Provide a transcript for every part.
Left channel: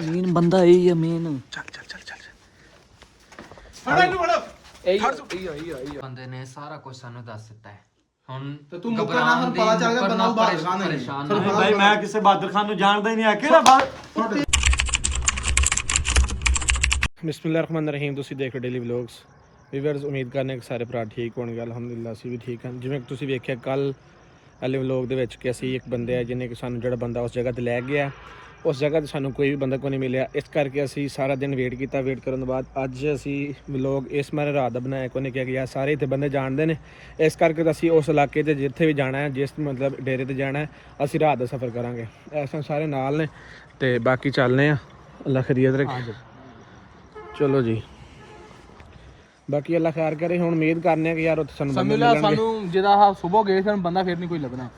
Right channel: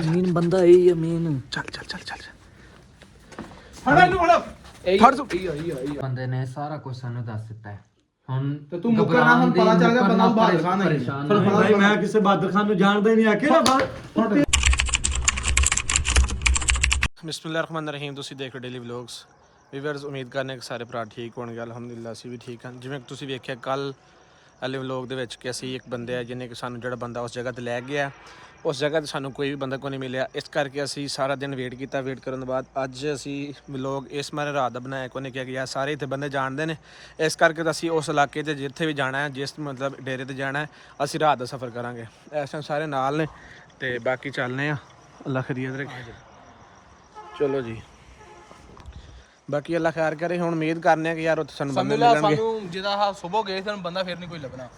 Main ਬੰਦਾ ਇਹ ਹੈ ਮੇਨ। ਚੱਲ ਬੰਦੇ ਨੇ ਸਾਰਾ ਕੁਝ ਸਾਨੂੰ ਦੱਸ ਦਿੱਤਾ ਹੈ। ਹੁਣ ਤੂੰ ਘਬਰਾਉਣ ਦੀ ਮੁਕਰਨਾ ਪਰੇਸ਼ਾਨ ਭਾਈ ਮੈਂ ਕਿਸੇ ਬਹਾਦਰ ਖਾਨ ਨੂੰ ਜਾਣਦਾ ਹੀ ਨਹੀਂ ਆ ਕਿਹੜਾ ਬਾਹਰ। ਬਿਸਮਿਲ੍ਲਾਹਿਰਰਹਿਮਾਨਿਰਰਹੀਮ। ਤੁਸੀਂ ਦੇਖ ਰਹੇ ਡੇਲੀ ਵਲੌਗਸ। ਵੀਵਰਸ ਉਮੀਦ ਕਰਨੇ ਕਿ ਸਾਰੇ ਭਰਾ ਠੀਕ ਹੋਣਗੇ। ਅਲਹਮਦੁਲਿਲਾ ਅਸੀਂ ਵੀ ਠੀਕ ਹਾਂ। ਜਿਵੇਂ ਤੁਸੀਂ ਵੇਖਿਆ ਕੱਲ ਵਾਲੇ ਵਲੌਗ ਦੇ ਵਿੱਚ ਕਿ ਅਸੀਂ ਇੱਕ ਬੰਦੇ ਆ ਜਿਹਨੇ ਕਿ ਸਾਨੂੰ ਜਿਹੜਾ ਬੰਦਾ ਉਸ ਜਗ੍ਹਾ ਤੇ ਲੈ ਗਿਆ, ਉਸ ਜਗ੍ਹਾ ਤੇ ਸਾਨੂੰ ਕੋਈ ਵੀ ਬੰਦਾ ਕੋਈ ਨਹੀਂ ਮਿਲਿਆ। ਇਸ ਕਰਕੇ ਅਸੀਂ ਸਾਰਾ ਦਿਨ ਵੇਟ ਕੀਤਾ। ਵੇਟ ਕਰਨ ਤੋਂ ਬਾਅਦ ਅੱਜ ਅਸੀਂ ਵਲੌਗ ਇਸ ਮਾਰੇ ਰਾਤ ਦਾ ਬਣਾਇਆ। ਕੋਈ ਨੇ ਕਿਹਾ ਕਿ ਯਾਰ ਸਾਰੇ ਇੱਥੇ ਬੰਦੇ ਜਾਣਦੇ ਨੇ, ਇਸ ਕਰਕੇ ਅਸੀਂ ਉਸ ਇਲਾਕੇ 'ਤੇ ਜਿੱਥੇ ਵੀ ਜਾਣਾ ਹੈ, ਜਿਸ ਮਤਲਬ ਡੇਰੇ 'ਤੇ ਜਾਣਾ ਹੈ, ਅਸੀਂ ਰਾਤ ਦਾ ਸਫ਼ਰ ਕਰਾਂਗੇ। ਇਸ ਟਾਈਮ ਸਾਰੇ ਨਾਲ ਨੇ ਤੇ ਬਾਕੀ ਚੱਲਨੇ ਆ। ਅੱਲਾ ਖੈਰੀਅਤ ਰੱਖੇ। ਚਲੋ ਜੀ, ਬਾਕੀ ਅੱਲਾ ਖੈਰ ਕਰੇ। ਹੁਣ ਉਮੀਦ ਕਰਨੇ ਆ ਕਿ ਯਾਰ ਉੱਥੇ ਸਾਨੂੰ ਬੰਦੇ ਮਿਲਣਗੇ। ਸਾਨੂੰ ਜਿਹਦਾ ਸਵੇਰ ਗਏ ਸਾਨੂੰ ਬੰਦਾ ਫਿਰ ਨਹੀਂ ਕੋਈ ਲੱਭਣਾ।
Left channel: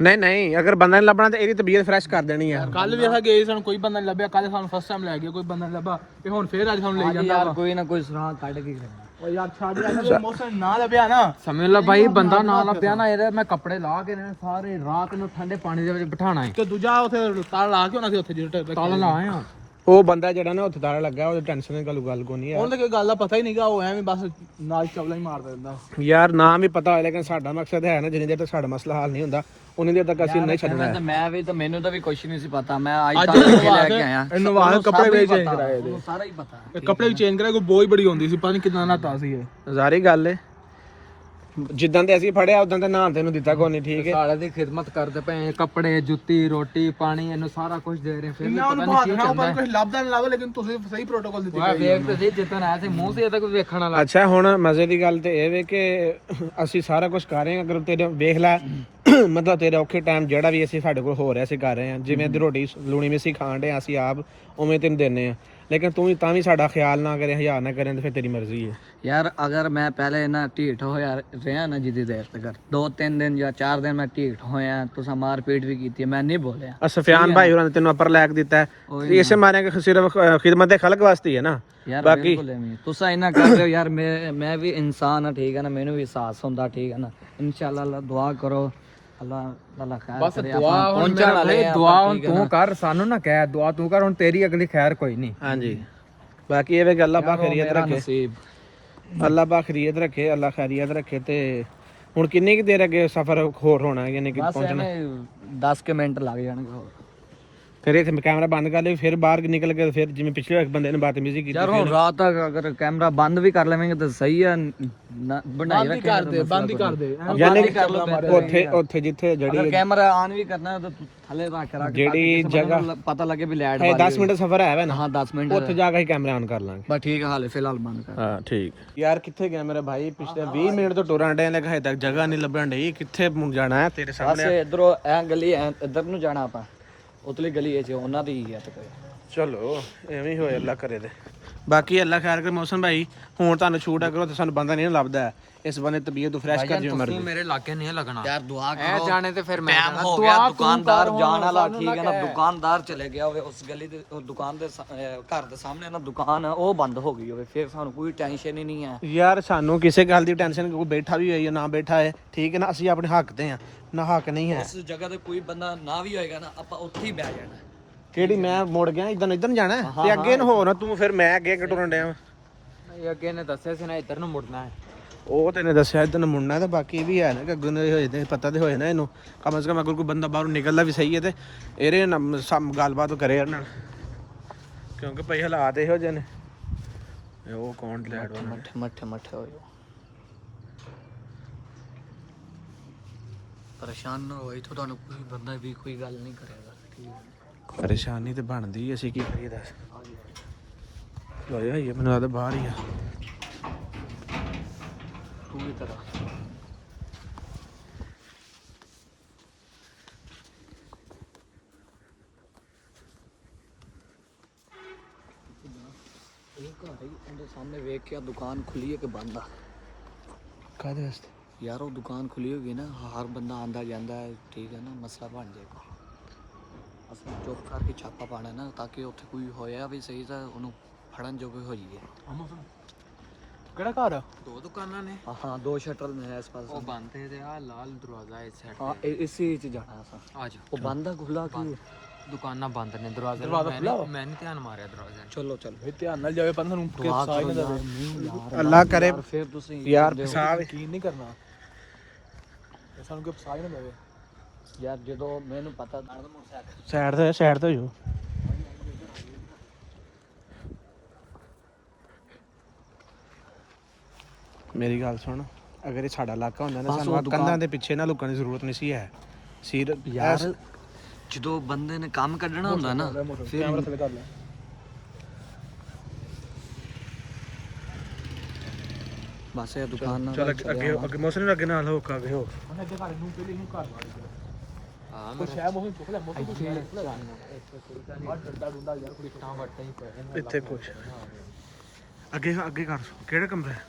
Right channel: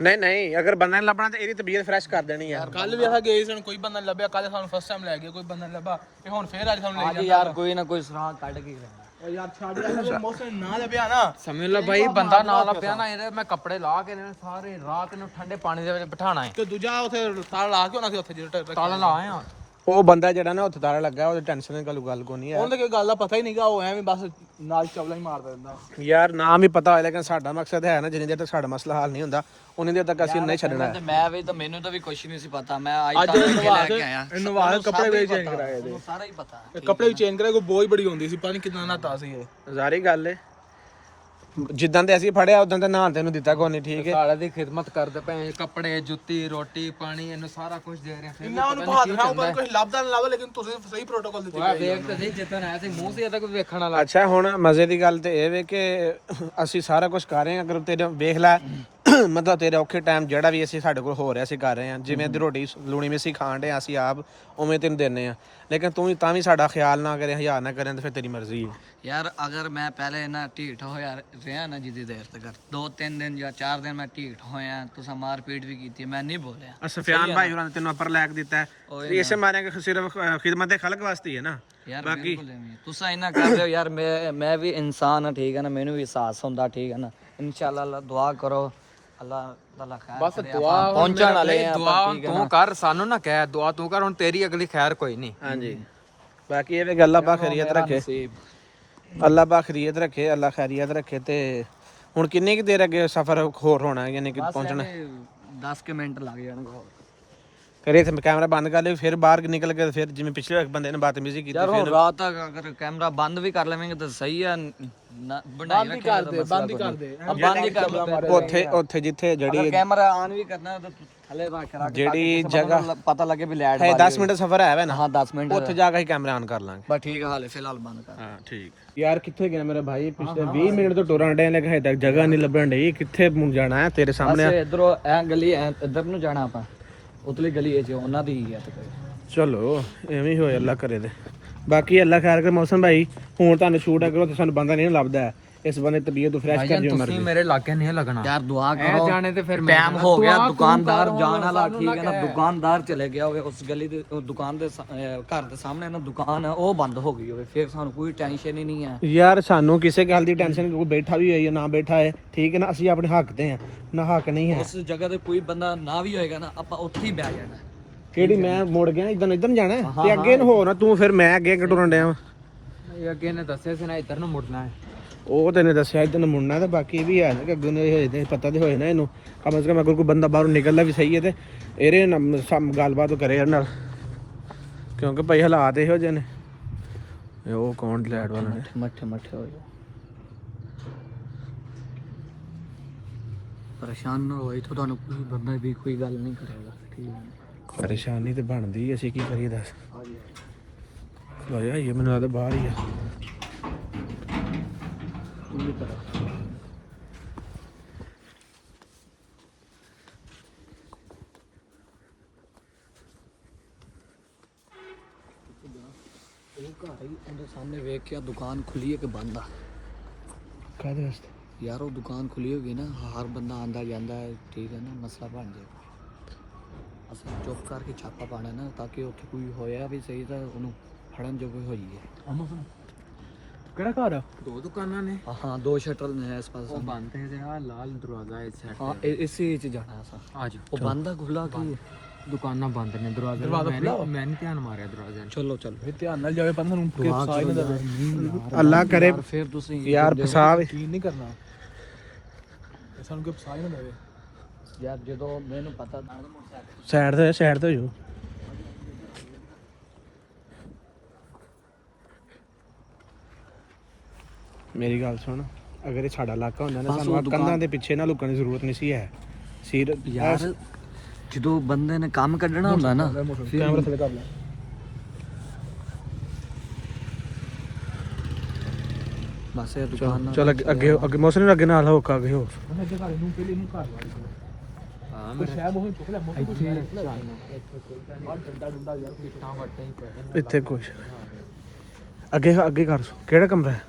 ਨਹੀਂ ਅਗਰ ਬੰਦਾ ਨਹੀਂ ਲੱਭਣਾ ਤਾਂ ਇਹਦੀ ਤਬੀਅਤ ਫਰੈਸ਼ ਕਰ ਦੇਣੀ ਆ। ਕੱਲ ਵੀ ਅਸੀਂ ਗਏ ਸਾਨੂੰ ਕੋਈ ਬੰਦਾ ਨਹੀਂ ਲੱਭਿਆ। ਕੱਲ ਸਾਨੂੰ ਫਸਟ ਟਾਈਮ ਲੈ ਗਏ, ਕੋਈ ਬੰਦਾ ਨਹੀਂ ਲੱਭਾ ਤੇ ਹੁਣ ਫੇਰ ਅੱਜ ਸਾਨੂੰ ਲਈ ਜਾਂਦਾ ਵਾ। ਕੋਈ ਨਾ ਕੋਈ ਸੁਰਾਗ ਕੱਢ ਕੇ ਓ ਯਾਰ ਛੱਡ ਯਾਰ, ਮੌਸਮ ਨਾ ਲੱਭਿਆ ਨਾ। ਸਮਝ ਲਓ ਭਾਈ, ਬੰਦਾ ਨਾ ਲੱਭਿਆ ਨਾ, ਇਹਦੇ ਮੈਂ ਕੱਪੜੇ ਲਾ ਕੇ ਨੇ ਸਾਰੇ ਰਾਤ ਨੂੰ ਠੰਡੇ ਪਾਣੀ ਦੇ ਵਿੱਚ ਬਿਠਾਣਾ ਹੈ। ਤੇ ਦੂਜਾ ਉੱਥੇ ਤਾਲਾ ਲਾ ਕੇ ਹੋਣਾ ਸੀ ਉੱਥੇ ਜਿਹੜਾ ਤਾਲਾ ਲਾਏ ਆ। ਉਹ ਬੰਦਾ ਜਿਹੜਾ ਨਾ ਉੱਥੇ ਤਾਲਾ ਲੱਗਾ, ਉਹਦੀ ਟੈਨਸ਼ਨ ਦੀ ਗੱਲ ਕੋ ਨਹੀਂ ਹੈ। ਉਹਨੂੰ ਤਾਂ ਕੋਈ ਗੱਲ ਦਾ ਪਤਾ ਹੀ ਨਹੀਂਗਾ। ਉਹ ਐਵੇਂ ਬਸ ਨਾਲ ਚਵਲਾ ਹੀ ਮਾਰਦਾ ਰਹਿੰਦਾ ਯਾਰ ਨਾਮ ਹੀ ਪਤਾ ਹੋਇਆ, ਲੇਕਿਨ ਸਾਡਾ ਮਕਸਦ ਹੈ ਨਾ ਜਿੰਨੇ ਦੇਰ ਤੱਕ ਸਾਡਾ ਮਸਲਾ ਹੱਲ ਨਹੀਂ ਹੁੰਦਾ ਉਨੀ ਦੇਰ ਤੱਕ ਅਸੀਂ ਨਹੀਂ ਛੱਡਣਾ ਹੈ। ਮੈਨੂੰ ਤਾਂ ਵੀ ਕੁਛ ਨਹੀਂ ਸੀ ਪਤਾ। ਮੈਂ ਅੱਜ ਤੱਕ ਕੇ ਲੈ ਕੇ ਆਇਆ। ਇਹਨੂੰ ਵਾਲੇ ਕੱਪੜੇ ਵੀ ਚੇਂਜ ਕਰਾਏ। ਸਾਰਾ ਹੀ ਪਤਾ। ਕੱਪੜੇ ਵੀ ਚੇਂਜ ਕਰਾਏ। ਕੋਈ ਬੋਝ ਬੜੀ ਹੁੰਦੀ ਸੀ, ਪਤਾ ਨਹੀਂ ਕਿੰਨਾ ਨਾਤਾ ਸੀ ਇਹ। ਜ਼ਾਰੀ ਗੱਲ ਏ, ਜਿੱਦਾਂ ਤੇ ਅਸੀਂ ਫੜਿਆ ਉਦਾਂ ਤੇ ਨਹਾਉਣ ਤੈਨੂੰ ਦਿੱਤਾ ਕੋਈ ਨਹੀਂ। ਠੀਕ ਹੈ, ਸਾਲੇ ਦੀ ਖਿਦਮਤ ਕਰਦੇ ਪਏ, ਕੱਪੜੇ ਜੁੱਤੀ ਰੋਟੀ ਪਾਣੀ ਇਹਨੂੰ ਸਾਰਾ ਕੁਝ ਦੇ ਰਹੇ। ਫਿਰ ਨਾ ਉਹਨੂੰ ਬਾਹਰ ਨਾ ਉਹ ਕੋਈ ਲੱਭਦਾ ਨਾ ਲੱਭੇ, ਲੇਕਿਨ ਤੁਸੀਂ ਸਹੀ ਪ੍ਰੋਟੋਕਾਲ ਦਿੱਤੀ ਗਈ। ਜਿੱਤਨ ਆਇਆ ਸੀ ਮੂੰਹ ਸੇ ਤਾਂ ਕੋਈ ਵੇਖਣ ਵਾਲਾ। ਅੱਛਾ ਹੁਣ ਮਜ਼ੇ ਦੀ ਗੱਲ ਤੇ ਇਹ ਵੇ ਕਿ ਅਸੀਂ ਸਾਰਾ ਕੁਝ ਕਰ ਰਹੇ ਹਾਂ। ਅਗਰ ਤੇਰੇ ਵੇਖ ਲੈ ਮਤਲਬ ਤੇਰੇ ਔਖੇ ਟਾਈਮ ਜਿਹੜਾ ਵੀ ਅਸੀਂ ਸਾਡੇ ਕੋਲ ਹੋ ਰਿਹਾ ਅਸੀਂ ਕਰ ਰਹੇ ਹਾਂ। ਜਿਵੇਂ ਦੀ ਰੋਟੀ ਲੂਣੀ ਮਿੱਸੀ ਖਾਣ ਡੇ ਅਸੀਂ ਆਪ ਉਵੇਂ ਤੈਨੂੰ ਦਿੰਦੇ ਆ, ਲੇਕਿਨ ਤੂੰ ਤਾਂ ਵੀ ਸਾਡਾ ਖਿਆਲ ਨਾ ਕਰੇ, ਹਜ਼ਾਰ ਨਾ ਕਰੇ, ਤਾਂ ਫਿਰ ਤੇਰੀ ਮਰਜ਼ੀ ਹੈ ਯਾਰ। ਅਗਰ ਮੈਂ ਪਹਿਲੇ ਨਾ ਢੀਠ ਹੋਇਆ ਰਿਹਾ ਨਾ ਜਿੱਦੀ ਦੇਰ ਤੱਕ 2-3 ਦਿਨ ਜਾਂ 4 ਦਿਨ ਮੈਂ ਢੀਠ ਹੋਇਆ, ਤੁਸੀਂ ਮਾਰ ਪੀਟ ਵੀ ਕੀਤੀ, ਮੈਂ ਨਹੀਂ ਬੋਲਿਆ। ਸਫਿਆਨ ਭਾਈ ਹੋਰਾਂ ਨੇ ਤੈਨੂੰ ਅਪਰ ਲੈਕ ਦਿੱਤਾ, ਇਸੇ ਮਾਰੇ ਕਿ ਸਿਰਫ ਖਿਦਮਤ ਖਲਕ ਵਾਸਤੇ ਹੈ ਨਾ। ਯਾਰ ਬਿਲਕੁਲ ਐਵੇਂ ਤੁਸੀਂ ਇੰਨਾ ਕਰ ਰਹੇ ਹੋ ਯਾਰ। ਮੈਂ ਵੀ ਇਨਸਾਨ ਹਾਂ, ਠੀਕ ਹੈ ਨਾ, ਮੈਨੂੰ ਵੀ ਅਹਿਸਾਸ ਹੁੰਦਾ, ਠੀਕ ਹੈ ਨਾ। ਇਨਸ਼ਾਅੱਲਾ ਅੱਲਾ ਦੁਆ ਕਰੋ, ਅੱਲਾ ਤਾਲਾ ਖੈਰ ਕਰੇ। ਆਪਾਂ ਪਹੁੰਚਣ ਵਾਲੇ ਆ। ਦੁਆ ਹੁਣ ਤੂੰ ਕਰ, ਸਾਨੂੰ ਨਾ ਕਹਿ ਦੁਆ ਤੂੰ ਕਰ, ਹੁਣ ਤੇਰੀ ਅਗਲੀ ਖੈਰ ਕੋਈ ਨਹੀਂ। ਹਾਂਜੀ ਬਾਕੀ ਇਹ ਵੇ ਗੱਲ ਅੱਲਾ ਖੈਰੀਅਤ ਰੱਖੇ, ਅੱਲਾ ਬਾ ਖੈਰੀਅਤ ਰੱਖੇ, ਅੱਲਾ ਖੈਰੀਅਤ ਰੱਖੇ। ਤੇ ਹੁਣ ਕਿੰਨੀ ਕੁ ਦੇਰ ਅੱਗੇ ਸਫ਼ਰ ਹੋਰ ਹੋਣਾ, ਯਾਨੀ ਕਿ ਪਹੁੰਚਣਾ 10 ਕੁ ਮਿੰਟ ਲੱਗ ਜਾਣਗੇ ਹੋਰ। ਫਿਰ ਇੱਥੇ ਕੈਮਰਾ ਬੰਦ ਕਰ ਲਈ, ਫਿਰ ਬਾਹਰ ਨਿਕਲ ਕੇ ਫਿਰ ਜਿਵੇਂ ਪਿਛਲੇ ਬੰਦੇ ਨੇ ਬਦਤਮੀਜ਼ੀ ਕੀਤੀ ਫਿਰ ਰਾਤ ਤੱਕ ਅਗਰ ਕੈਮਰਾ ਬੰਦ ਵੀ ਕਰ ਲਵੇਂਗੇ ਤਾਂ ਸਹੀ ਆ, ਬਣਾਈ ਰੱਖੇਂਗੇ ਤਾਂ ਮਸਲਾ ਬੰਦ ਹੀ ਕਰ ਦੇ। ਯਾਨੀ ਉੱਥੇ ਜਿੱਥੇ ਜਿਹੜੀ ਕੈਮਰਾ ਆਨ ਵੀ ਕਰਨਾ ਤਾਂ ਥੱਲੇ ਰੱਖ ਰੱਖ ਜਿਹੜੀ ਜਗ੍ਹਾ ਪਤਾ ਲੱਗੇ ਵੀ ਲਾਈਟ ਹੈ 10 ਮਿੰਟ ਸਫ਼ਰ ਹੈ ਨਾ। ਹਾਂ 10 ਮਿੰਟ ਉੱਥੇ ਜਾ ਕੇ ਹੀ ਕੈਮਰਾ ਆਨ ਕਰ ਲਾਂਗੇ। ਬਸ ਠੀਕ ਹੈ, ਹਾਲੇ ਫਿਲਹਾਲ ਬੰਦ ਕਰ। ਹਾਂ ਠੀਕ। ਯਾਰ ਕਿੱਥੇ ਗਿਆ ਮੇਰਾ ਭਾਈ? ਪਿਛਲੇ 20 ਮਿੰਟ ਤੋਂ ਟੁਰਨ ਡੇ, ਲੇਕਿਨ ਹਜੇ ਤੱਕ ਜਗ੍ਹਾ ਨਹੀਂ ਲੱਭਣ ਡਈ। ਕਿੱਥੇ ਜਾਣਾ ਹੈ ਤੇਰੇ ਸਾਹਮਣੇ? ਇਧਰੋਂ ਐ ਗਲੀ ਇੱਧਰ ਨੂੰ ਜਾਣਾ ਆਪਾਂ, ਉਤਲੀ ਗਲੀ ਇਹ ਚ ਉਹਨਾਂ ਦੀ ਹੀ ਹੈ। ਚਲੋ ਐਵੇਂ ਹੀ ਹੋਏ, ਅੱਲਾ ਕਰੇ ਤੇ। ਬਾਕੀ ਅੱਲਾ ਖੈਰ ਕਰ। ਮੌਸਮ ਭਾਈ ਹੁਣ ਤੁਹਾਨੂੰ ਛੂਟ ਕਰੋ ਤੇ ਸਾਨੂੰ ਬੰਦਾ ਨਹੀਂ ਲੱਭਦਾ ਹੈ, ਇਸ ਬੰਦੇ ਤਬੀਅਤ ਨੂੰ ਫਰੈਸ਼ ਕਰ ਜਿਓ ਮਰਜ਼ੀ। ਮੇਰੇ ਲਾਗੇ ਨਹੀਂ ਲੱਗਣਾ ਯਾਰ ਦੁਆ ਕਰੋ। ਜਾਣੇ ਤੇ ਫਿਰ ਟਾਈਮ ਹੋ ਗਿਆ, ਦੁਕਾਨਦਾਰ ਜਾਣ ਵਾਲਾ, ਠੀਕ ਹੈ ਨਾ। ਦੁਕਾਨਦਾਰ ਚਲੇ ਗਿਆ ਹੋਵੇ ਉਸ ਗਲੀ ਦੇ, ਦੁਕਾਨ ਦੇ ਘਰ ਦੇ ਸਾਹਮਣੇ ਨਾ ਦੁਕਾਨ ਹੈ, ਉਹ ਬੰਦ ਹੋ ਗਈ ਹੋਵੇ, ਫਿਰ ਸਾਨੂੰ ਕੋਈ ਟੈਨਸ਼ਨ ਹੀ ਨਹੀਂ ਹੈ। ਯਾਰ ਸਾਨੂੰ ਕਿਸੇ ਗੱਲ ਦੀ ਟੈਨਸ਼ਨ, ਕੋਈ ਬੈਠਾ ਵੀ ਹੋਈ ਜਾਂ ਨਾ ਬੈਠਾ ਹੈ, ਠੀਕ ਹੈ ਨਾ। ਅਸੀਂ ਆਪਣੇ ਹੱਕ ਤੇ ਆ ਨਾ, ਹੱਕ ਨਹੀਂ ਹੈ। ਉਸ ਜਗ੍ਹਾ ਤੇ ਕੋਈ ਬੰਦਾ ਨਾ ਵੀ ਹੋਏਗਾ ਨਾ, ਆਪਾਂ ਉੱਥੇ ਹੀ ਬਹਿ ਜਾਣਾ। ਕਿਹੜੀ ਮੈਂ ਮੁੜ ਗਿਆ ਇੱਧਰ ਜਾਣਾ ਤੇ ਅੱਗੇ ਨੂੰ ਹੋ ਨਾ ਤੂੰ, ਫਿਰ ਮੈਂ ਅੱਗੇ ਟੁਰਨ ਡਿਆ। ਅੱਗੇ ਨੇ ਦੱਸਿਆ ਸੀ ਨਾ ਇੱਧਰ ਨੂੰ ਮੁੜਨਾ ਹੈ। ਉਹ ਤੈਨੂੰ ਦੱਸਿਆ ਇੱਧਰ ਨੂੰ ਮੁੜਨਾ, ਤੇ ਬਾਕੀ ਇਹ ਵੀ ਹੈ ਨਾ ਕਿ ਅੱਗੇ ਨੂੰ ਹੋਏ ਤੇ ਪਤਾ ਤੇ ਹੋਏ ਨਾ ਇਹਨੂੰ। ਕਮ ਸੇ ਕਮ ਅਗਰ ਕੋਈ ਬੰਦਾ ਬਾਹਰੋਂ ਨਿਕਲਦਾ ਵੀ ਸਹੀ ਹੈ ਤੇ ਇਹਦੇ ਨਾਲ ਗੱਲਬਾਤ ਕਰੇ ਯਾਰ ਨਾਲ, ਕਿਉਂਕਿ ਭਾਈ ਹਾਲਾਤ ਇਹੋ ਜਿਹੇ ਨੇ। ਉਹ ਕੌਣ ਲੈਟ ਵਾਲਾ ਮੱਠੇ ਹੋ ਜਾਓ, ਪਰੇਸ਼ਾਨ ਨਾ ਹੋਏ ਤਾਂ ਤੁਹਾਨੂੰ ਕੋਈ ਬੰਦਾ ਵੀ ਕੋਈ ਗੱਲ ਨਹੀਂ ਕਰੇਗਾ, ਠੀਕ ਹੈ। ਪਰੇਸ਼ਾਨੀ ਤੇ ਬਣਦੀ, ਅਸੀਂ ਕੀ ਕਰੀਏ ਦੱਸ। ਇਹ ਮੈਨੂੰ ਲੱਗਦਾ ਬਾਹਰ ਹੀ ਆ। ਪੂਰੀ ਤਰ੍ਹਾਂ ਸਾਹਮਣੇ ਵੇਖ ਕੇ ਦੁਕਾਨ ਖੁੱਲੀ ਹੈ ਕਿ ਬੰਦ ਆ? ਕਾਹਦੇ ਵਾਸਤੇ ਯਾਰ ਉਹ ਦੁਕਾਨ ਖੁੱਲੀ ਹੋਗੀ ਨਾ, ਹਰ ਬੰਦਾ ਆਂਦਾ ਜਾਂਦਾ ਹੈ, ਠੀਕ ਹੈ ਨਾ, ਮਸਲਾ ਬਣ ਜਾਏਗਾ। ਚੁੱਪ ਕਰਕੇ ਛਾਪਾ ਪਾਣਾ ਨਾ, ਤਾਂ ਕਿ ਉੱਥੇ ਕੋਈ ਹੋਇਆ ਵੀ ਸਹੀ ਤਾਂ ਉਹਨੂੰ ਫੜਨ ਜੋਗੇ ਹੋ ਜਾਈਏ। ਕਿਹੜਾ ਘਰ ਆ? 2 ਦੁਕਾਨਾਂ ਨੇ। ਹਾਂ 2 ਸ਼ਟਰ ਨੇ ਇਸ ਪਾਸੇ, ਉਹ ਬੰਦ ਹੈ ਤੇ ਆ ਲਾਲ ਦਰਵਾਜ਼ਾ ਇਸ ਸਾਈਡ ਹਾਂ ਇਸੇ ਚ ਜਾਣਾ ਸਰ। ਆ ਜਾ। ਉਹ ਬੰਦ ਆ, ਖੁੱਲਾ ਕੀ ਦੁਕਾਨਾਂ ਬੰਦ ਨੇ ਦਰਵਾਜ਼ਾ ਮੈਂ ਨਹੀਂ ਧਿਆਨ ਮਾਰਿਆ ਦਰਵਾਜ਼ੇ ਨੂੰ। ਚਲੋ ਚਲੋ ਇਹ ਧਿਆਨ ਨਾਲ ਜਾਵੇ ਬੰਦਾ ਨੂੰ ਦੁਆ ਕਰੋ ਯਾਰ, ਅੱਲਾ ਕਰੇ ਫਿਰ ਤੁਸੀਂ ਯਾਰ ਫਸਾਵੇ ਯਕੀਨ ਨਹੀਂ ਕਰਨਾ ਇਹ ਸਾਨੂੰ ਕੋਈ ਫਸਾ ਹੀ ਨਾ ਦੇਵੇ ਯਾਰ ਜਦੋਂ ਮੈਨੂੰ ਪਤਾ ਸਾਈਡ ਤੇ ਹੋ ਜਾਓ। ਮੇਰੀ ਗੱਲ ਸੁਣ, ਅਗਰ ਇਹ ਸਾਡਾ ਇਲਾਕਾ ਹੁੰਦਾ ਨਾ ਸਾਨੂੰ ਆਹ ਕੰਧਾਂ ਦੇ ਪਿੱਛੇ ਨਾ ਲੁਕਣ ਦੀ ਜ਼ਰੂਰਤ ਨਹੀਂ ਸੀ ਹੈ ਸਿਰ ਯਾਰ ਜਦੋਂ ਬੰਦੇ ਨੇ ਕੰਮ ਕੱਢਣਾ ਹੁੰਦਾ ਨਾ ਕੈਮਰਾ ਥੱਲੇ ਕਰ ਬਸ ਇਹ ਦੁਕਾਨ ਚਲ ਅੱਗੇ ਮੌਸਮ ਨੂੰ ਅੱਗੇ ਨਾਲ ਹੋ ਅੱਗੇ ਹੋ ਉਹਨਾਂ ਦੇ ਘਰ ਨੂੰ ਪਹਿਲੇ ਨੂੰ ਘਰ ਵਾਲੀ ਹਾਂ ਮੈਂ ਸ਼ਾਇਦ ਉਹ ਚੁੱਕ ਲੈ ਇੱਥੇ ਕੁਛ ਅੱਗੇ ਕਰ ਕਿਹੜਾ ਕਮਰਾ ਹੈ?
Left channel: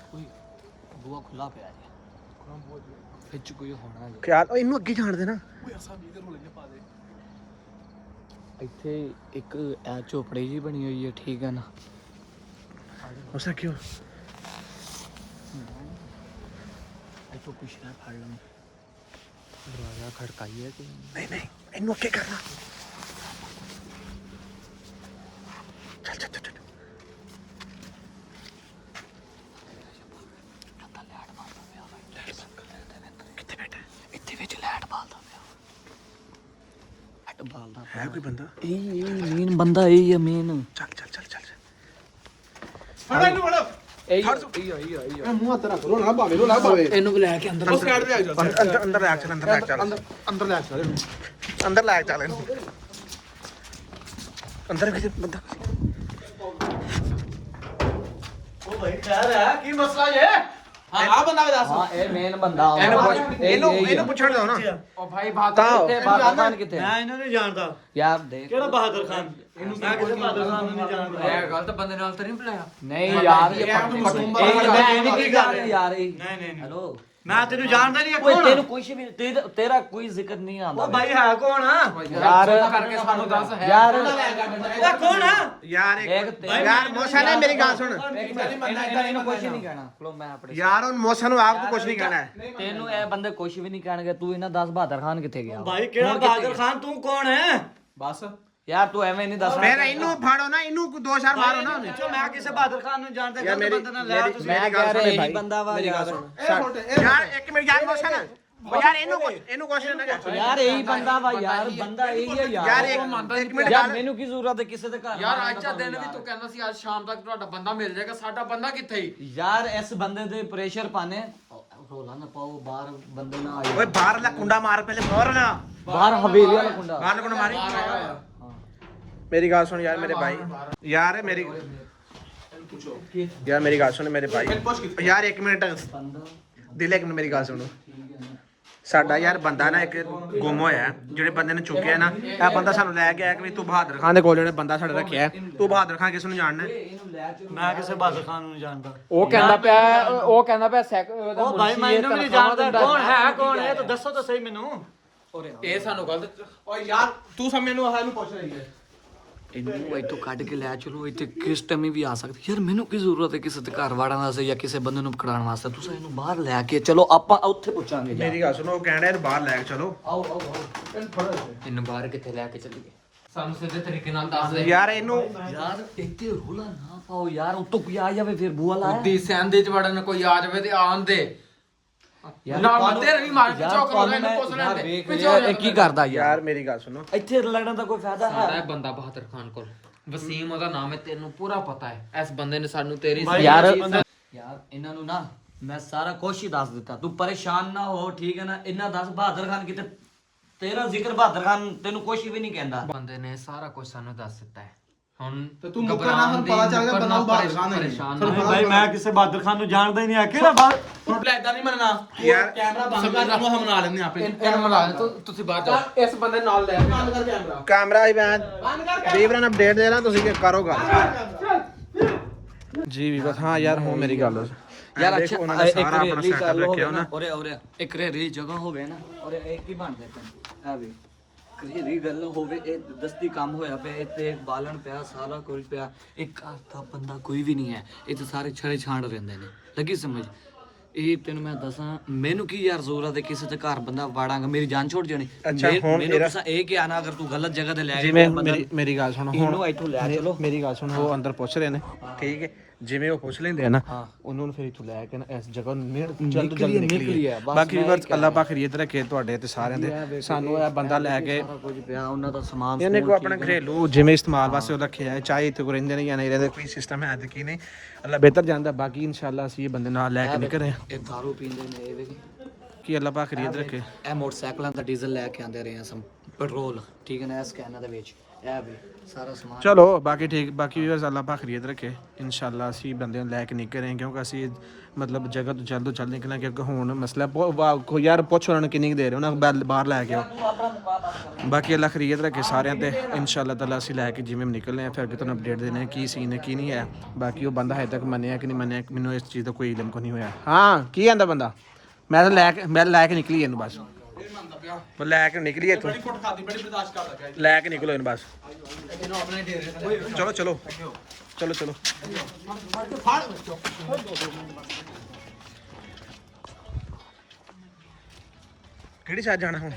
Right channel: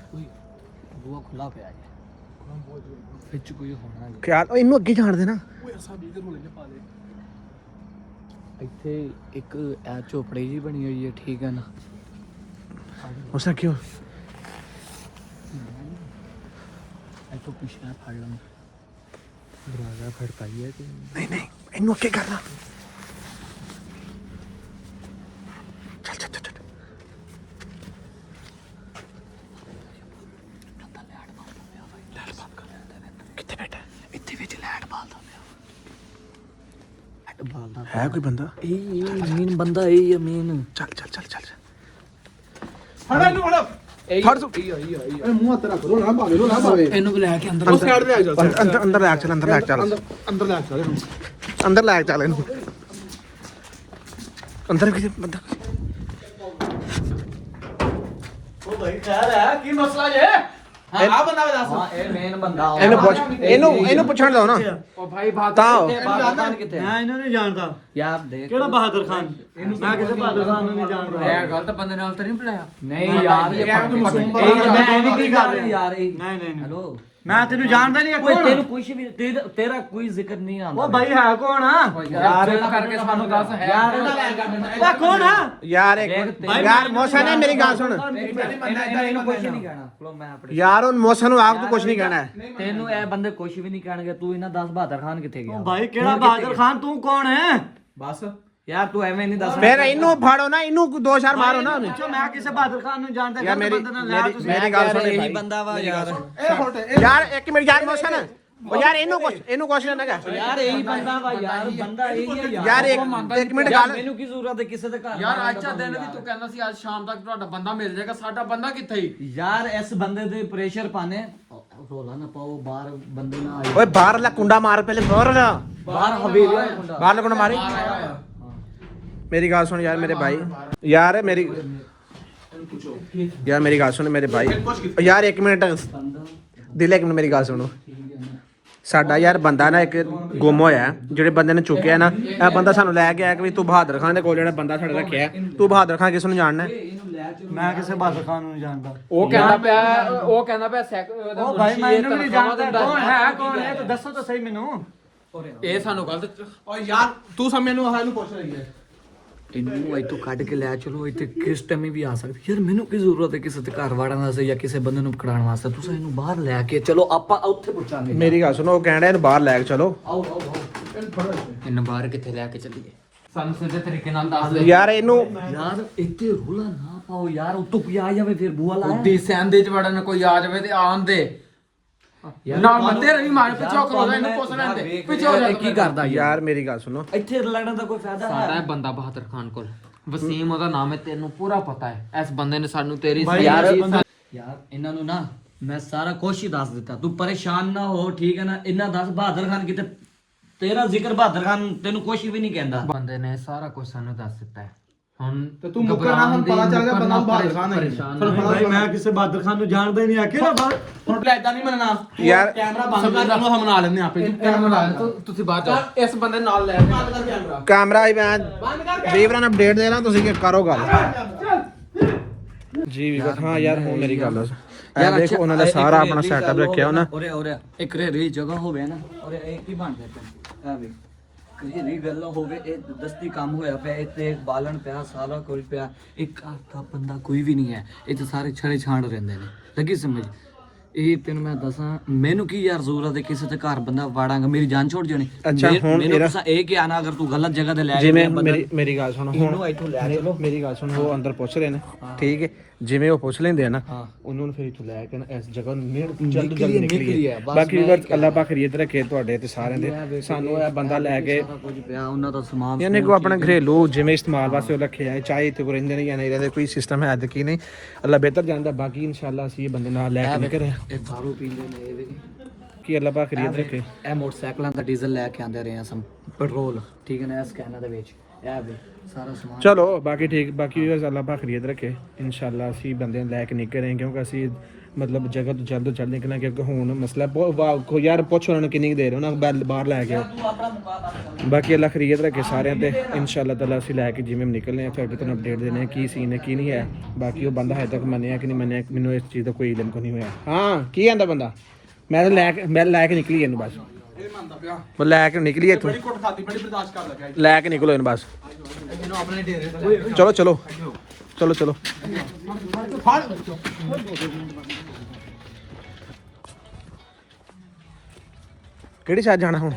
ਬੂਆ ਖੁੱਲਾ ਪਿਆ ਹੈ ਵਿੱਚ ਕੋਈ ਹੋਣਾ ਕਿਆ ਇਹਨੂੰ ਅੱਗੇ ਜਾਣ ਦੇ ਨਾ। ਓਏ ਅਸਾਂ ਵੀ ਇਧਰ ਨੂੰ ਲੈਣੇ ਪਾ ਦੇ ਇੱਥੇ ਇੱਕ ਐ ਝੋਪੜੀ ਜੀ ਬਣੀ ਹੋਈ ਹੈ, ਠੀਕ ਹੈ ਨਾ? ਉਸ ਨਾਲ ਕਿਉਂ ਇੱਥੋਂ ਪੁੱਛਣਾ ਫੜ ਲੈਣਾ ਦਰਵਾਜ਼ਾ ਖੜਕਾਈ ਹੈ ਕਿ ਨਹੀਂ ਇਹਨੂੰ ਅੱਗੇ ਕਰਨਾ। ਚੱਲ ਕਿੱਥੇ ਬੈਠਾ? ਇੱਥੇ ਵਿੱਚ ਲਾਈਟ ਬਾਲਦਾ ਪਿਆ ਬਾਲਦਾ ਹੈ ਕੋਈ ਬੰਦਾ? ਇਹ ਮੇਨ ਬੰਦਾ ਇਹ ਹੈ ਮੇਨ। ਚੱਲ ਫੜਾ ਇਹਨੂੰ ਫੜਾ ਫੜ ਤੂੰ। ਇਹ ਮੂੰਹ ਹੱਥ ਰੱਖ ਲੋ ਨਾ ਭਾਵੇਂ ਇਹਨੂੰ ਵੀ ਲੈ ਕੇ ਅੰਦਰ ਸਾਈਡ ਤੇ ਆ ਜਾ ਅੰਦਰ ਲੈ ਚੱਲ ਅੰਦਰ ਲੈ ਚੱਲ ਅੰਦਰ ਲੈ ਚੱਲ ਇਹਨੂੰ ਅੰਦਰ ਲੈ ਚੱਲ ਇਹਨੂੰ ਅੰਦਰ ਕੀ ਉਹ ਭਾਈ ਕਹਿ ਰਿਹਾ ਕੀ ਮਸਲਾ ਜੇ ਹਾਂ ਆ ਬੰਦਾ ਦੱਸ ਹਾਂ ਇਹ ਮੇਨ ਬੰਦਾ ਇਹਨੂੰ ਪੁੱਛ ਇਹਨੂੰ ਪੁੱਛਣ ਦਿਓ ਨਾ। ਉਹ ਭਾਈ ਬਾਤ ਤਾਂ ਬਹਾਦਰ ਖਾਨ ਕਿੱਥੇ? ਮੈਂ ਇਹਨਾਂ ਨੂੰ ਜਾਣਦਾ ਯਾਰ ਦੇਖ ਕਿਹੜਾ ਬਹਾਦਰ ਖਾਨ ਮੈਂ ਕਿਸੇ ਬਹਾਦਰ ਖਾਨ ਨੂੰ ਨਹੀਂ ਜਾਣਦਾ ਇਹ ਗਲਤ ਬੰਦੇ ਨਾਲ ਤਾਂ ਨਹੀਂ ਬੁਲਾਇਆ। ਨਹੀਂ ਯਾਰ ਇਹ ਯਾਰ ਤੂੰ ਮਾਸੂਮ ਬੰਦਾ ਬੰਦਾ ਕਹਿੰਦੀ ਕੀ ਗੱਲ ਹੈ? ਯਾਰ ਇਹ ਨਹੀਂ ਨਹੀਂ ਹੈਲੋ ਮੈਂ ਤੈਨੂੰ ਜਾਣਦਾ ਨਹੀਂ ਕੋਈ ਤੈਨੂੰ ਕੁਝ ਵੀ ਤੇਰਾ ਕੋਈ ਜ਼ਿਕਰ ਨਹੀਂ ਆਉਂਦਾ। ਉਹ ਭਾਈ ਹੈ ਕੌਣ ਆ ਯਾਰ ਕਰਕੇ ਸਾਨੂੰ ਦੱਸ ਹੈ ਯਾਰ ਇਹ ਕੌਣ ਆ ਯਾਰ ਯਾਰ ਮੌਸਾ ਨੇ ਮੇਰੀ ਗੱਲ ਸੁਣ ਇਹਨੂੰ ਕੁਝ ਨਹੀਂ ਕਹਿਣਾ ਚਲੋ ਮੈਂ ਆਪਣੀ ਯਾਰ ਉਹ ਮੌਸਾ ਨੂੰ ਆਪ ਤੋਂ ਕੁਝ ਨਹੀਂ ਕਹਿਣਾ ਹੈ। ਤੈਨੂੰ ਇਹ ਬੰਦੇ ਕੁਝ ਵੀ ਨਹੀਂ ਕਹਿਣਗੇ। ਤੂੰ ਇਹਨਾਂ 10 ਬਹਾਦਰ ਖਾਨ ਕਿੱਥੇ ਗਿਆ? ਭਾਈ ਕਿਹੜਾ ਬਹਾਦਰ ਖਾਨ ਤੂੰ ਕੌਣ ਹੈ ਬਸ ਯਾਰ ਤੂੰ ਐਵੇਂ ਨਹੀਂ ਦੱਸ। ਫਿਰ ਇਹਨੂੰ ਫਾੜੋ ਨਾ, ਇਹਨੂੰ ਦੋ ਚਾਰ ਮਾਰੋ ਨਾ ਉਹਨੇ। ਮੈਂ ਕਿਸੇ ਬਹਾਦਰ ਖਾਨ ਨੂੰ ਜਾਣਦਾ ਗਲਤ ਬੰਦੇ ਨਾਲ ਲਿਆ ਤੁਸੀਂ ਮੇਰੀ ਗੱਲ ਸੁਣ ਇਹੀ ਬੰਦਾ ਵਾ ਮੇਰੀ ਗੱਲ ਸੁਣ ਯਾਰ ਇੱਕ ਮਿੰਟ ਯਾਰ ਮੌਸਾ ਨਾ ਉਹ ਯਾਰ ਇਹਨੂੰ ਕੁਛ ਨਾ ਕਹਿ ਯਾਰ ਇਹੀ ਬੰਦਾ ਵਾ ਯਾਰ ਬੰਦਾ ਇਹੀ ਹੈ ਯਾਰ ਇੱਕ ਮਿੰਟ ਯਾਰ ਗੱਲ ਮੈਨੂੰ ਕੀ ਜ਼ਰੂਰਤ ਹੈ ਕਿਸੇ ਦੇ ਘਰ ਯਾਰ ਅੱਜ ਦਾ ਦਿਨ ਵੀ ਤੂੰ ਕਹਿੰਦਾ ਸੀ ਅੱਜ ਸ਼ਾਮ ਤੱਕ ਤੁਹਾਡਾ ਬੰਦਾ ਮਿਲ ਜਾਏਗਾ, ਸਾਡਾ ਬੰਦਾ ਕਿੱਥੇ ਹੀ? ਯਾਰ ਇਸ ਬੰਦੇ ਦੇ ਪ੍ਰੈਸ਼ਰ ਪਾਣੇ ਰੋਲਾ ਨਾ ਪਾਓ ਬਾਹਰ ਬੰਦੇ ਨਾ ਆਏ। ਓਏ ਬਾਹਰਲਾ ਕੁੰਡਾ ਮਾਰ ਪਹਿਲੇ ਬਾਹਰ ਹਵੇਲੀ ਦਾ ਹੁੰਦਾ। ਬਾਹਰਲਾ ਕੁੰਡਾ ਮਾਰੀ। ਮੇਰੀ ਗੱਲ ਸੁਣ ਯਾਰ ਮੇਰੇ ਭਾਈ ਯਾਰ ਮੇਰੀ ਗੱਲ ਸੁਣ ਮੇਰੇ ਭਾਈ ਯਾਰ ਇੱਕ ਮਿੰਟ ਦਿਲ ਇੱਕ ਮਿੰਟ ਮੇਰੀ ਗੱਲ ਸੁਣੋ। ਸਾਡਾ ਯਾਰ ਬੰਦਾ ਨਾ ਇੱਕ ਗੁੰਮ ਹੋਇਆ ਹੈ। ਜਿਹੜੇ ਬੰਦੇ ਨੇ ਚੁੱਕਿਆ ਨਾ ਇਹ ਬੰਦਾ ਸਾਨੂੰ ਲੈ ਕੇ ਆਇਆ ਕਿ ਵੀ ਤੂੰ ਬਹਾਦਰ ਖਾਨ ਦੇ ਕੋਲ ਜਿਹੜਾ ਬੰਦਾ ਸਾਡਾ ਰੱਖਿਆ ਹੈ, ਤੂੰ ਬਹਾਦਰ ਖਾਨ ਕਿਸ ਨੂੰ ਜਾਣਨਾ ਹੈ? ਮੈਂ ਕਿਸੇ ਬਹਾਦਰ ਖਾਨ ਨੂੰ ਨਹੀਂ ਜਾਣਦਾ ਉਹ ਕਹਿੰਦਾ ਪਿਆ ਉਹ ਭਾਈ ਮੈਂ ਇਹਨੂੰ ਵੀ ਨਹੀਂ ਜਾਣਦਾ ਕੌਣ ਹੈ ਕੌਣ ਹੈ ਤੂੰ ਦੱਸੋ ਤਾਂ ਸਹੀ ਮੈਨੂੰ ਇਹ ਸਾਨੂੰ ਗਲਤ ਓ ਯਾਰ ਤੂੰ ਸਭ ਮੈਨੂੰ ਹਾਲ ਨੂੰ ਪੁੱਛ ਰਹੀ ਹੈ ਇਹਨੂੰ ਇੱਥੋਂ ਕੱਢ ਕੇ ਲੈ ਚਲੋ ਇੱਥੇ ਕਿਸ ਟਾਈਮ ਵੀ ਆ ਸਕਦੀ। ਯਾਰ ਮੈਨੂੰ ਕੀ ਜ਼ਰੂਰਤ ਹੈ ਕਿਸੇ ਦੇ ਘਰ ਵਾੜਨ ਵਾਸਤੇ ਜਾਂ ਕਿਸੇ ਬੰਦੇ ਨੂੰ ਪਕੜਾਉਣ ਵਾਸਤੇ। ਤੁਸੀਂ ਇਹਨੂੰ ਬਾਹਰ ਲੈ ਕੇ ਚਲੋ ਆਪਾਂ ਉੱਥੇ ਪੁੱਛਾਂਗੇ। ਮੇਰੀ ਗੱਲ ਸੁਣੋ ਉਹ ਕਹਿਣ ਡਿਆ ਇਹਨੂੰ ਬਾਹਰ ਲੈ ਕੇ ਚਲੋ। ਆਓ ਆਓ ਇਹਨੂੰ ਬਾਹਰ ਕਿੱਥੇ ਲੈ ਕੇ ਚੱਲੀਏ? ਸਾਨੂੰ ਸਿੱਧੇ ਤਰੀਕੇ ਨਾਲ ਦੱਸ ਦੇ। ਯਾਰ ਇਹਨੂੰ ਯਾਰ ਇੱਥੇ ਰੋਲਾ ਨਾ ਪਾਓ ਯਾਰ, ਉੱਤੋਂ ਕੋਈ ਆ ਜਾਵੇ ਫਿਰ ਬੂਆ ਲਾ। ਦੀ ਸੈਂਦੇ ਚ ਵੜਨ ਕੋਈ ਆ ਜਾਵੇ ਤੇ ਆਉਣ ਦੇ ਨਾ ਮੰਦੇ ਰਵੀ ਮਾਰ ਪਿੱਛੋਂ ਕਰੋ ਇਹਨੂੰ ਪੁੱਛ ਲੈਂਦੇ ਪਿੱਛੋਂ ਇਹ ਕੀ ਕਰਦਾ ਯਾਰ? ਯਾਰ ਮੇਰੀ ਗੱਲ ਸੁਣੋ ਇੱਥੇ ਲੜਨ ਦਾ ਕੋਈ ਫਾਇਦਾ ਸਾਡਾ ਹੈ? ਇਹ ਬੰਦਾ ਬਹਾਦਰ ਖਾਨ ਕੋਲ ਵਸੀਮ ਉਹਦਾ ਨਾਮ ਹੈ, ਤੈਨੂੰ ਪੂਰਾ ਪਤਾ ਹੈ। ਇਸ ਬੰਦੇ ਨੇ ਸਾਨੂੰ ਤੇਰੀ ਯਾਰ ਇਹਨਾਂ ਨੂੰ ਨਾ ਮੈਂ ਸਾਰਾ ਕੁਛ ਹੀ ਦੱਸ ਦਿੱਤਾ। ਤੂੰ ਪਰੇਸ਼ਾਨ ਨਾ ਹੋ, ਠੀਕ ਹੈ ਨਾ? ਇਹਨਾਂ ਦੱਸ ਬਹਾਦਰ ਖਾਨ ਕਿਤੇ ਤੇਰਾ ਜ਼ਿਕਰ ਬਹਾਦਰ ਖਾਨ ਤੈਨੂੰ ਕੁਛ ਵੀ ਨਹੀਂ ਕਹਿੰਦਾ। ਬੰਦੇ ਨੇ ਸਾਰਾ ਕੁਝ ਸਾਨੂੰ ਦੱਸ ਦਿੱਤਾ ਹੈ। ਹੁਣ ਤੇ ਤੂੰ ਮੁਕਰਨਾ ਹੁਣ ਪਤਾ ਚੱਲ ਗਿਆ ਬੰਦਾ ਬਹਾਦਰ ਖਾਨ ਹੈ ਭਾਈ ਮੈਂ ਕਿਸੇ ਬਹਾਦਰ ਖਾਨ ਨੂੰ ਜਾਣਦਾ ਹੀ ਨਹੀਂ ਆ ਕਿਹੜਾ ਬਾਹਰ ਹੁਣ ਇਦਾਂ ਨਹੀਂ ਮੰਨਣਾ ਯਾਰ ਕੈਮਰਾ ਬੰਦ ਕਰ ਤੂੰ ਹਮਨਾ ਲੈਣੇ ਆਪੇ ਤੂੰ ਕੈਮਰਾ ਲਾ ਦੇ, ਤੁਸੀਂ ਬਾਹਰ ਜਾਓ। ਇਸ ਬੰਦੇ ਨਾਲ ਲੈ ਕੇ ਬੰਦ ਕਰ ਕੈਮਰਾ ਕੈਮਰਾ ਹੀ ਮੈਂ ਵੀਵਰਾਂ ਨੂੰ ਅਪਡੇਟ ਦੇਣਾ, ਤੁਸੀਂ ਕਰੋ ਗੱਲ ਜੀ ਵੀਵਰ। ਹਾਂ ਯਾਰ ਹੁਣ ਮੇਰੀ ਗੱਲ ਯਾਰ ਅੱਛਾ ਉਹਨਾਂ ਦਾ ਸਾਰਾ ਆਪਣਾ ਸੈਟਅਪ ਰੱਖਿਆ ਉਹਨਾਂ। ਉਰੇ ਉਰੇ ਇੱਕ ਰੇਰੀ ਜਗ੍ਹਾ ਹੋਵੇ ਨਾ ਉਰੇ ਇਹ ਕੀ ਬਣਦਾ ਪਿਆ? ਇਹ ਵੇ ਇਹ ਗੱਲ ਹੋਵੇ, ਇਹ ਦਸਤੀ ਕੰਮ ਹੋਇਆ ਪਿਆ, ਇੱਥੇ ਬਾਲਣ ਪਿਆ, ਸਾਰਾ ਕੁਝ ਪਿਆ, ਇੱਕ ਘਰ ਦਾ ਬੰਦਾ ਕੋਈ ਵੀ ਨਹੀਂ ਹੈ। ਇੱਥੇ ਸਾਰੇ ਛੜੇ ਛਾਂਡ ਰਹਿੰਦੇ ਨੇ, ਲੱਗੀ ਸਮਝ? ਇਹ ਤੈਨੂੰ ਮੈਂ ਦੱਸਾਂ ਮੈਨੂੰ ਕੀ ਯਾਰ ਜ਼ਰੂਰਤ ਹੈ ਕਿਸੇ ਤੇ ਘਰ ਬੰਦਾ ਵਾੜਾਂਗਾ ਮੇਰੀ ਜਾਨ ਛੋੜ ਜਾਣੀ ਮੈਨੂੰ ਦੱਸਾਂ ਇਹ ਕਿ ਆਣਾ ਅਗਰ ਤੂੰ ਗਲਤ ਜਗ੍ਹਾ ਤੇ ਲੈ ਕੇ ਜਿਵੇਂ ਮੇਰੀ ਗੱਲ ਸੁਣੋ ਇਹਨੂੰ ਇੱਥੋਂ ਲੈ ਚਲੋ ਮੇਰੀ ਗੱਲ ਸੁਣੋ ਉਹ ਅੰਦਰ ਪੁੱਛ ਰਹੇ ਨੇ ਠੀਕ ਹੈ ਜਿਵੇਂ ਉਹ ਪੁੱਛ ਲੈਂਦੇ ਆ ਨਾ ਉਹਨੂੰ ਫਿਰ ਇੱਥੋਂ ਲੈ ਕੇ ਨਾ ਇਸ ਜਗ੍ਹਾ ਨੂੰ ਜਲਦ ਨਿਕਲੀ ਬਾਕੀ ਵੀਵਰਸ ਅੱਲਾਹ ਪਾਕ ਖੈਰੀਅਤ ਰੱਖੇ ਤੁਹਾਡੇ ਤੇ ਸਾਰਿਆਂ ਦੇ ਸਾਨੂੰ ਇਹ ਬੰਦਾ ਲੈ ਕੇ ਕੁਝ ਪਿਆ ਉਹਨਾਂ ਦਾ ਸਮਾਨ ਇਹਨੇ ਕੋ ਆਪਣਾ ਘਰੇਲੂ ਜਿਵੇਂ ਇਸਤੇਮਾਲ ਵਾਸਤੇ ਉਹ ਰੱਖਿਆ ਹੈ ਚਾਹੇ ਇੱਥੇ ਕੋ ਰਹਿੰਦੇ ਨੇ ਜਾਂ ਨਹੀਂ ਰਹਿੰਦੇ ਕੋਈ ਸਿਸਟਮ ਹੈ ਕਿ ਨਹੀਂ ਅੱਲਾਹ ਬਿਹਤਰ ਜਾਣਦਾ ਬਾਕੀ ਇਨਸ਼ਾਅੱਲਾ ਅਸੀਂ ਇਹ ਬੰਦੇ ਨਾਲ ਲੈ ਕੇ ਨਹੀਂ ਕਰੇ ਇਹ ਦਾਰੂ ਪੀਂਦੇ ਨੇ ਇਹ ਵੀ ਕਿ ਅੱਲਾਹ ਪਾਕ ਖੈਰੀਅਤ ਰੱਖੇ ਇਹ ਮੋਟਰਸਾਈਕਲਾਂ ਦਾ ਡੀਜ਼ਲ ਲੈ ਕੇ ਆਂਦੇ ਰਹੇ ਆ ਸਮ ਪੈਟਰੋਲ ਠੀਕ ਹੈ ਨਾ ਇਹ ਸਕੈਨਰ ਦੇ ਵਿੱਚ ਇਹ ਵੀ ਸਾਰਾ ਸਮਾਨ ਚਲੋ ਬਾਕੀ ਠੀਕ ਬਾਕੀ ਵੀਰਸ ਅੱਲਾਹ ਪਾਕ ਖੈਰੀਅਤ ਰੱਖੇ ਇਨਸ਼ਾਅੱਲਾ ਅਸੀਂ ਬੰਦੇ ਨੂੰ ਲੈ ਕੇ ਨਹੀਂ ਕਰੇ ਕਿਉਂਕਿ ਅਸੀਂ ਮਤਲਬ ਜਗ੍ਹਾ ਤੋਂ ਜਲਦ ਨਿਕਲਣਾ ਕਿਉਂਕਿ ਹੁਣ ਮਸਲਾ ਕੋਈ ਯਾਰ ਪੁੱਛ ਉਹਨਾਂ ਨੂੰ ਕਿੰਨੀ ਦੇਰ ਉਹਨਾਂ ਬਾਹਰ ਲੈ ਕੇ ਆਓ ਬਾਕੀ ਅੱਲਾਹ ਖੈਰੀਅਤ ਰੱਖੇ ਸਾਰਿਆਂ ਤੇ ਇਨਸ਼ਾਅੱਲਾ ਤਾਲਾ ਅਸੀਂ ਲੈ ਕੇ ਜਿਵੇਂ ਨਿਕਲਨੇ ਆ ਫਿਰ ਅੱਗੇ ਤੁਹਾਨੂੰ ਅਪਡੇਟ ਦੇਣੇ ਕੀ ਸੀਨ ਹੈ ਕੀ ਨਹੀਂ ਹੈ ਬਾਕੀ ਉਹ ਬੰਦਾ ਹਜੇ ਤੱਕ ਮੰਨਿਆ ਕਿ ਨਹੀਂ ਮੰਨਿਆ ਮੈਨੂੰ ਇਸ ਚੀਜ਼ ਦਾ ਕੋਈ ਇਲਮ ਨਹੀਂ ਹੋਇਆ ਹਾਂ ਕੀ ਕਹਿੰਦਾ ਬੰਦਾ ਮੈਂ ਲੈ ਕੇ ਨਿਕਲੀ ਇਹਨੂੰ ਬਸ ਉਹ ਲੈ ਕੇ ਨਿਕਲੀ ਇੱਥੋਂ ਲੈ ਕੇ ਨਿਕਲੋ ਇਹਨੂੰ ਬਸ ਚਲੋ ਚਲੋ ਚਲੋ ਚਲੋ ਕਿਹੜੀ ਸਾਈਡ ਜਾਣਾ ਹੁਣ